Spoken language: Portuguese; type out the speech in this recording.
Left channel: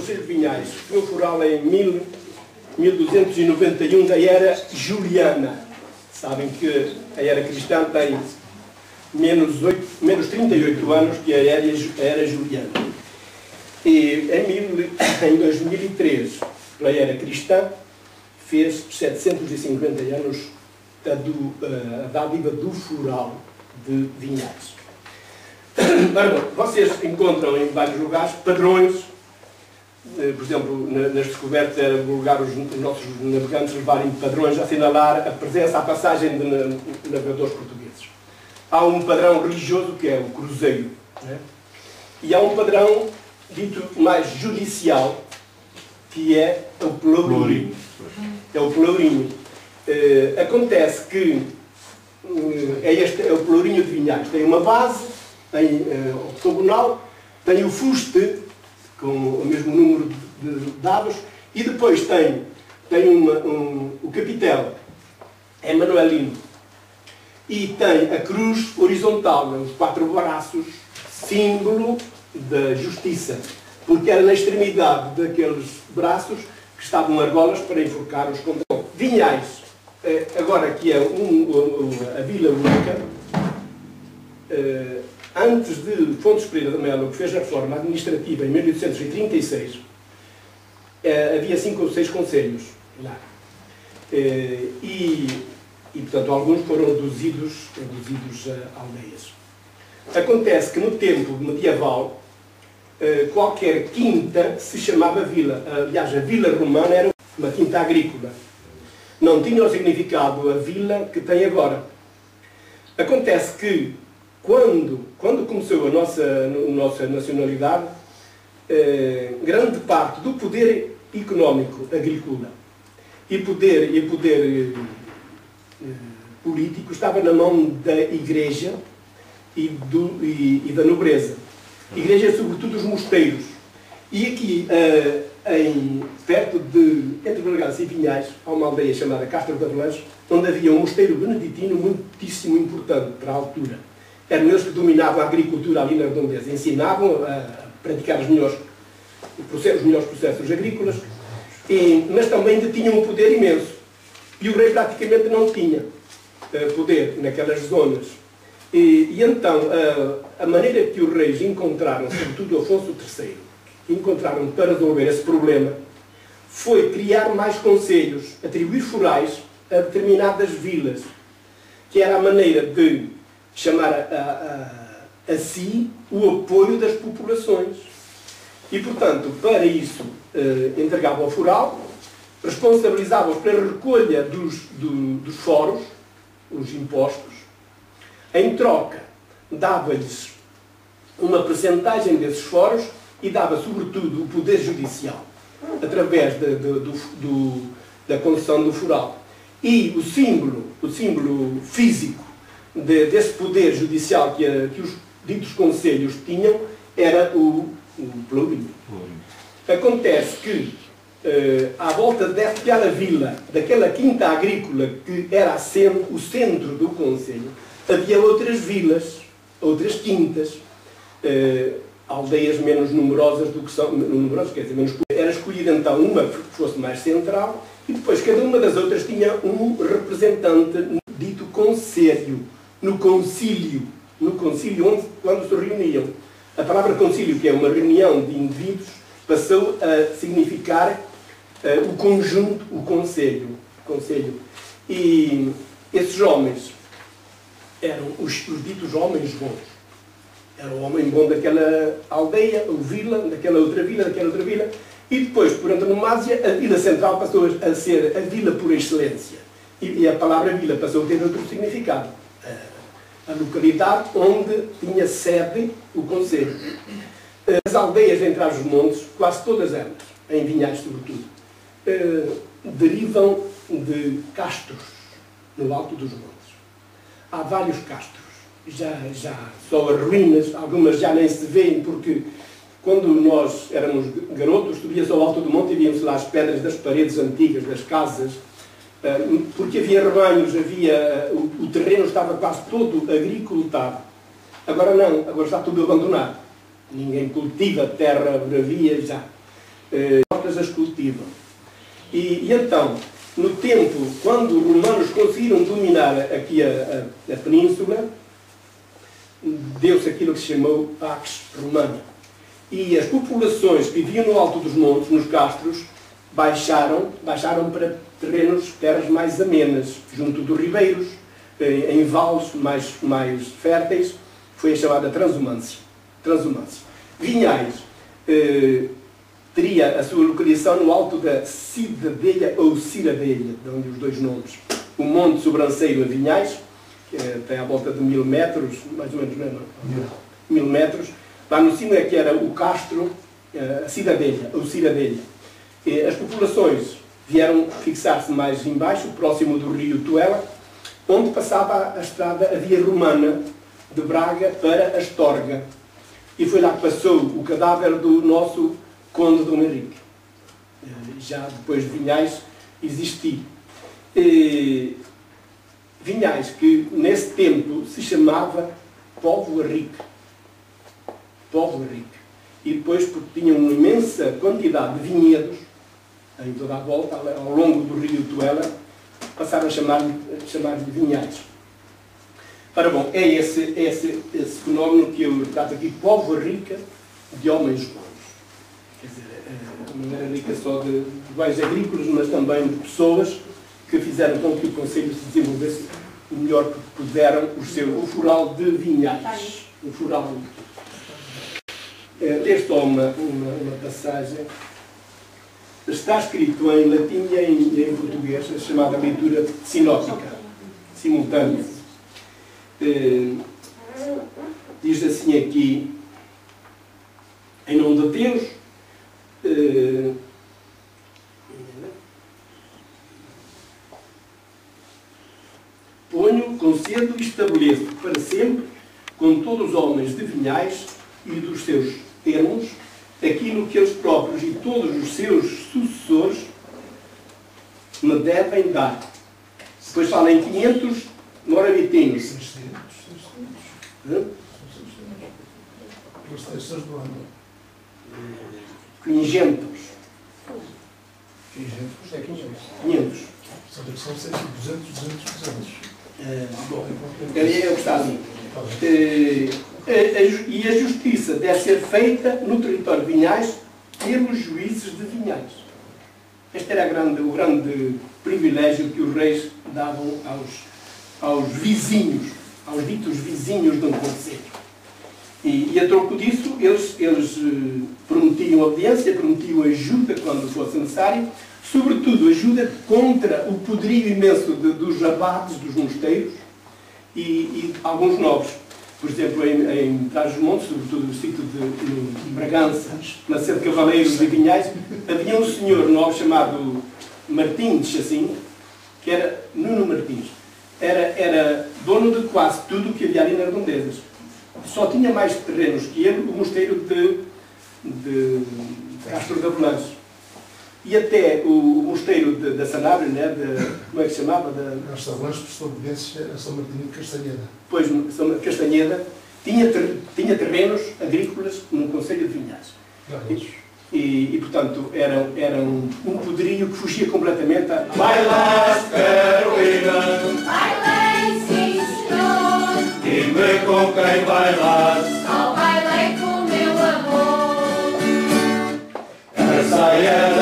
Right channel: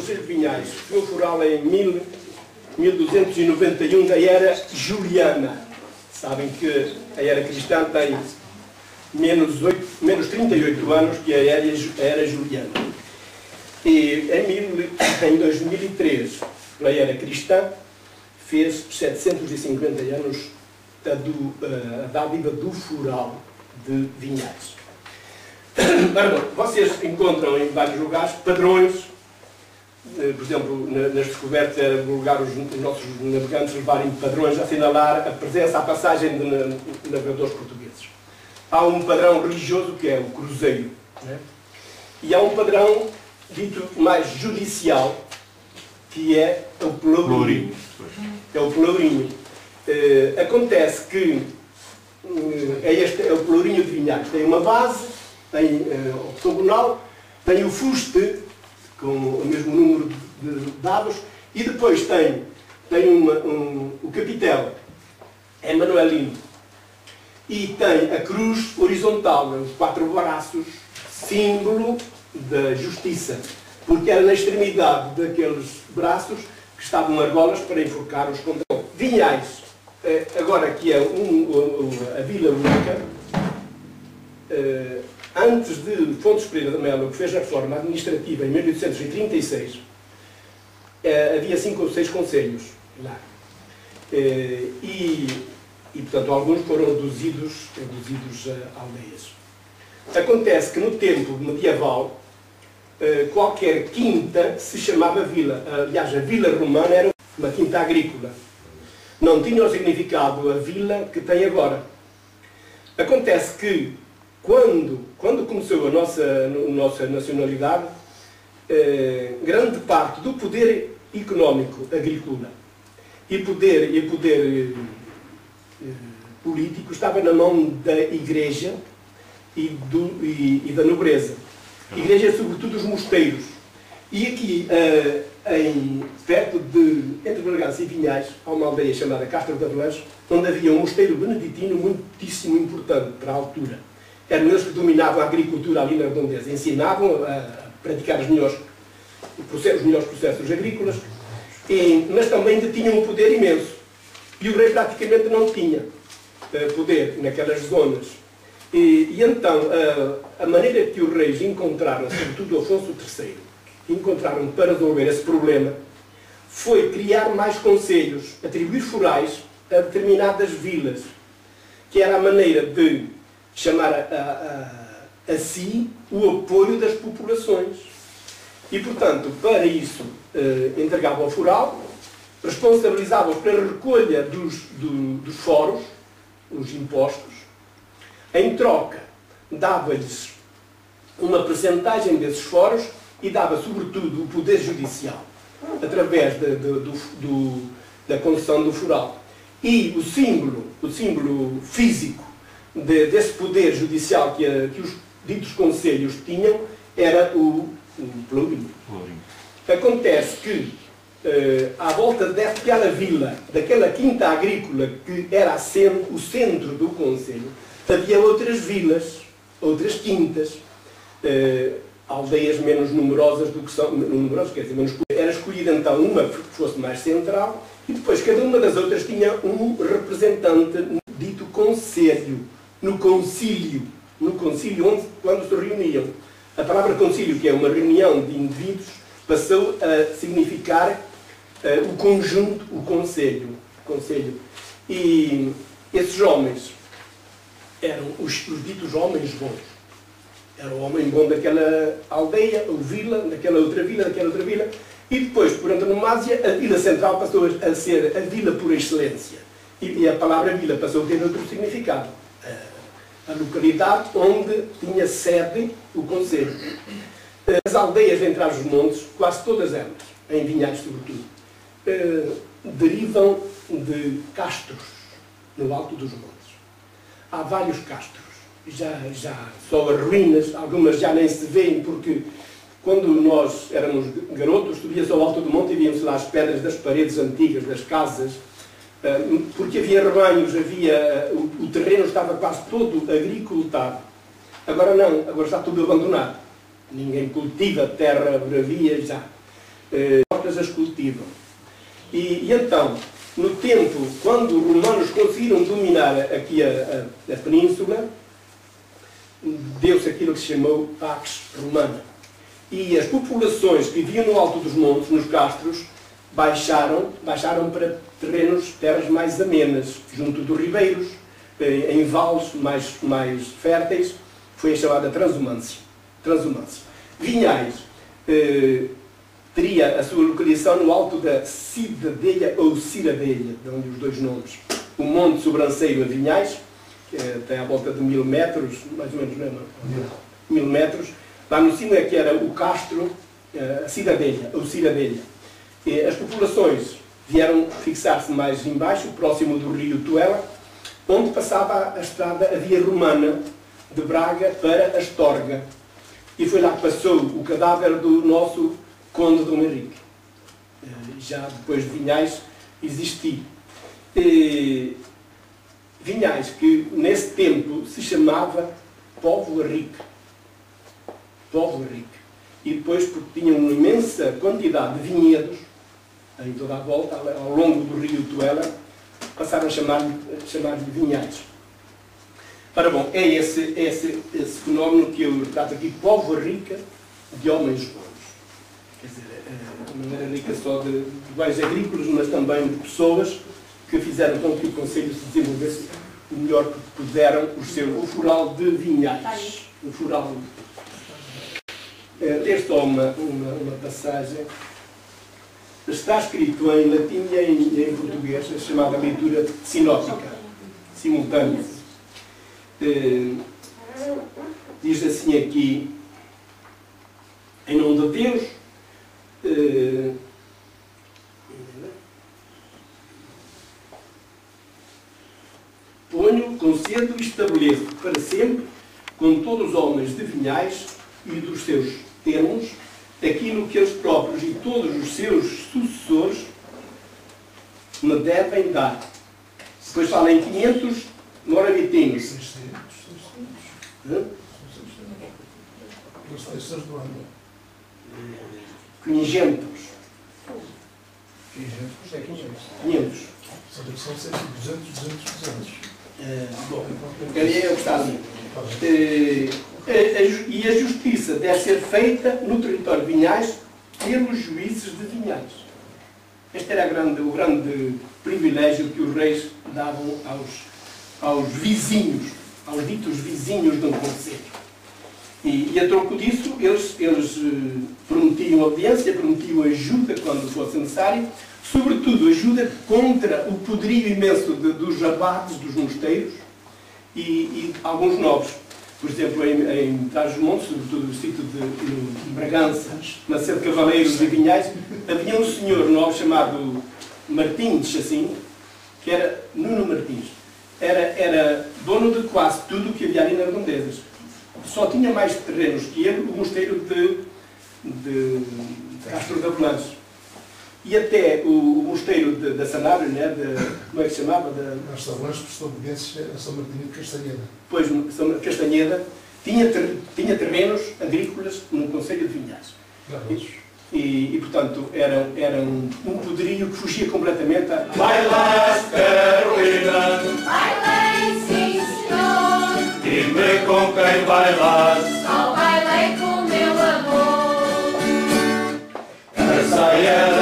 Conselho de Vinhais foi um foral em 1291 da era juliana. Sabem que a era cristã tem menos 38 anos que a era juliana. E em 2003, a era cristã, fez 750 anos a dádiva do foral de Vinhais. Vocês encontram em vários lugares padrões, por exemplo, nas descobertas era vulgar os nossos navegantes levarem padrões a assinalar a presença, a passagem de navegadores portugueses. Há um padrão religioso que é o cruzeiro, né? E há um padrão dito mais judicial, que é o pelourinho. É o pelourinho. Acontece que este é o pelourinho de Vinhais. Tem uma base, tem octogonal, tem o fuste, com o mesmo número de dados, e depois tem o capitel, é manuelino, e tem a cruz horizontal, os 4 braços, símbolo da justiça, porque era na extremidade daqueles braços que estavam argolas para enforcar os condelados. Vinhais, agora que é a Vila Única, antes de Fontes Pereira de Melo, que fez a reforma administrativa em 1836, havia 5 ou 6 concelhos lá. Portanto, alguns foram reduzidos a aldeias. Acontece que no tempo medieval, qualquer quinta se chamava vila. Aliás, a vila romana era uma quinta agrícola. Não tinha o significado a vila que tem agora. Acontece que, quando começou a nossa nacionalidade, grande parte do poder económico agrícola e poder político estava na mão da Igreja e da nobreza. Igreja, sobretudo, os mosteiros. E aqui, entre Bragança e Vinhais, há uma aldeia chamada Castro de Avelange, onde havia um mosteiro beneditino muitíssimo importante para a altura. Eram eles que dominavam a agricultura ali na redondeza, ensinavam a praticar os melhores processos agrícolas, mas também detinham um poder imenso. E o rei praticamente não tinha poder naquelas zonas. E então, a maneira que os reis encontraram, sobretudo Afonso III, encontraram para resolver esse problema, foi criar mais concelhos, atribuir forais a determinadas vilas, que era a maneira de chamar a si o apoio das populações. E, portanto, para isso, entregava ao foral, responsabilizava-os pela recolha dos foros, os impostos. Em troca, dava-lhes uma percentagem desses foros e dava, sobretudo, o poder judicial, através da concessão do foral. E o símbolo físico desse poder judicial que os ditos concelhos tinham era o pelourinho. Acontece que, à volta daquela vila, daquela quinta agrícola que era o centro do concelho, havia outras vilas, outras quintas, aldeias menos numerosas do que são, menos. Era escolhida então uma que fosse mais central e depois cada uma das outras tinha um representante dito conselho, no concílio quando se reuniam. A palavra concílio, que é uma reunião de indivíduos, passou a significar o conjunto, o conselho. E esses homens eram os ditos homens bons. Era o homem bom daquela aldeia, ou vila, daquela outra vila, e depois, por antonomasia, a vila central passou a ser a vila por excelência. E a palavra vila passou a ter outro significado. A localidade onde tinha sede o concelho. As aldeias entre os montes, quase todas elas, em Vinhais sobretudo, derivam de castros no alto dos montes. Há vários castros, já só as ruínas, algumas já nem se veem, porque quando nós éramos garotos, subia-se ao alto do monte e víamos lá as pedras das paredes antigas, das casas, porque havia rebanhos, o terreno estava quase todo agricultado. Agora não, agora está tudo abandonado. Ninguém cultiva terra bravia já. hortas as cultivam. E então, no tempo, quando os romanos conseguiram dominar aqui a península, deu-se aquilo que se chamou Pax Romana. E as populações que viviam no alto dos montes, nos castros, baixaram para terras mais amenas, junto dos ribeiros, em vales mais férteis. Foi a chamada transumância. Vinhais teria a sua localização no alto da Cidadelha ou Ciradelha, de onde os dois nomes. O Monte Sobranceiro em Vinhais, que tem à volta de 1000 metros, mais ou menos, não é? 1000 metros. Lá no cimo é que era o castro, a Cidadelha ou Ciradelha. As populações vieram fixar-se mais embaixo, próximo do rio Tuela, onde passava a estrada, a via romana, de Braga para Astorga. E foi lá que passou o cadáver do nosso Conde Dom Henrique, já depois de Vinhais existir. Vinhais, que nesse tempo se chamava Póvoa Rica. E depois, porque tinha uma imensa quantidade de vinhedos, em toda a volta, ao longo do rio Tuela, passaram a chamar-lhe Vinhais. Ora bom, é esse fenómeno que eu trato aqui, Póvoa Rica de homens bons. Quer dizer, não era rica só de bens agrícolas, mas também de pessoas que fizeram com que o Conselho se desenvolvesse o melhor que puderam, o Foral de Vinhais. O Foral. Ler só uma passagem. Está escrito em latim e em português, a chamada leitura sinóptica, simultânea. Diz assim aqui, em nome de Deus, ponho, concedo e estabeleço para sempre, com todos os homens de Vinhais e dos seus termos, aquilo que eles próprios e todos os seus sucessores me devem dar. Depois fala em 500 moravitinhos. 600. Os textos do ano. 500. 500. São 200. Bom, eu gostava. E a justiça deve ser feita no território de Vinhais pelos juízes de Vinhais. Este era o grande privilégio que os reis davam aos vizinhos, aos ditos vizinhos de um concelho. E a troco disso, eles prometiam audiência, prometiam ajuda quando fosse necessário, sobretudo ajuda contra o poderio imenso dos abates, dos mosteiros e alguns nobres. Por exemplo, em Trás-os-Montes, sobretudo no sítio de Bragança, na sede de Cavaleiros e Vinhais, havia um senhor nobre chamado Martins, assim, que era Nuno Martins. Era dono de quase tudo o que havia ali nas redondezas. Só tinha mais terrenos que ele o mosteiro de Castro de Avelange. E até o mosteiro da Sanabria, né, como é que se chamava? Castro de Avelange prestou obediência a São Martinho de Castanheda. Pois, Castanheda tinha terrenos agrícolas no concelho de Vinhais. E portanto, era um poderio que fugia completamente a... Bailas, Carolina! Bailei, sim, senhor! Dime com quem bailas! Só bailei com meu amor! A saia